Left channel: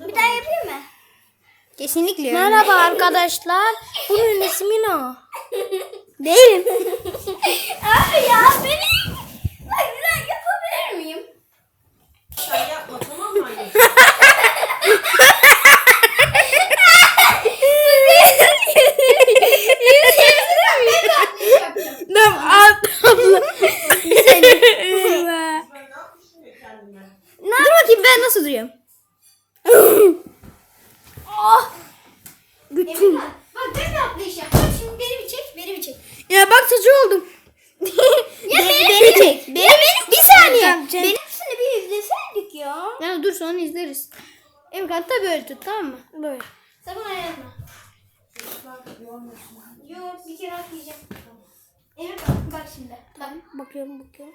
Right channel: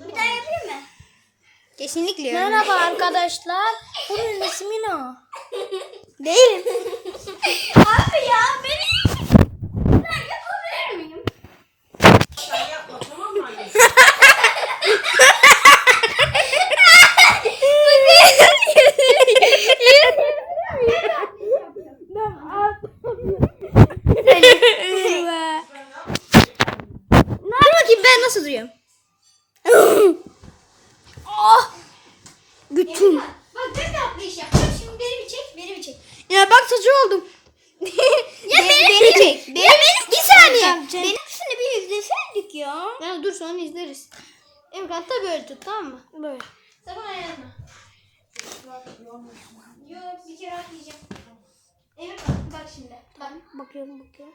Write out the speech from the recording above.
Bir daha yapayım mı? Kesinlikle. Öyle. Merhaba arkadaşlar. Evet. Bunun ismi ne? Değil. Abi ya beni. Bak ben yapabilir miyim? ne <'ınacionesine gülüyor> bakayım şey, ben nasıl duruyorum? oh. Bütün. Bak ben ne yapmışım? Şimdi beni bir çek, beni bir çek. Ya bak saçı oldum. ya, Be beni, beni, beni çek. Beni, beni, bir saniye. beni şimdi bir izleseydik ya. Ya dur sonra izleriz. Emrah da böyle tut tamam mı? Böyle. Sakın tamam, ayarma. Yok bir kere atlayacağım. Emrah bak şimdi. Tamam. Bak. Bakıyorum bakıyorum.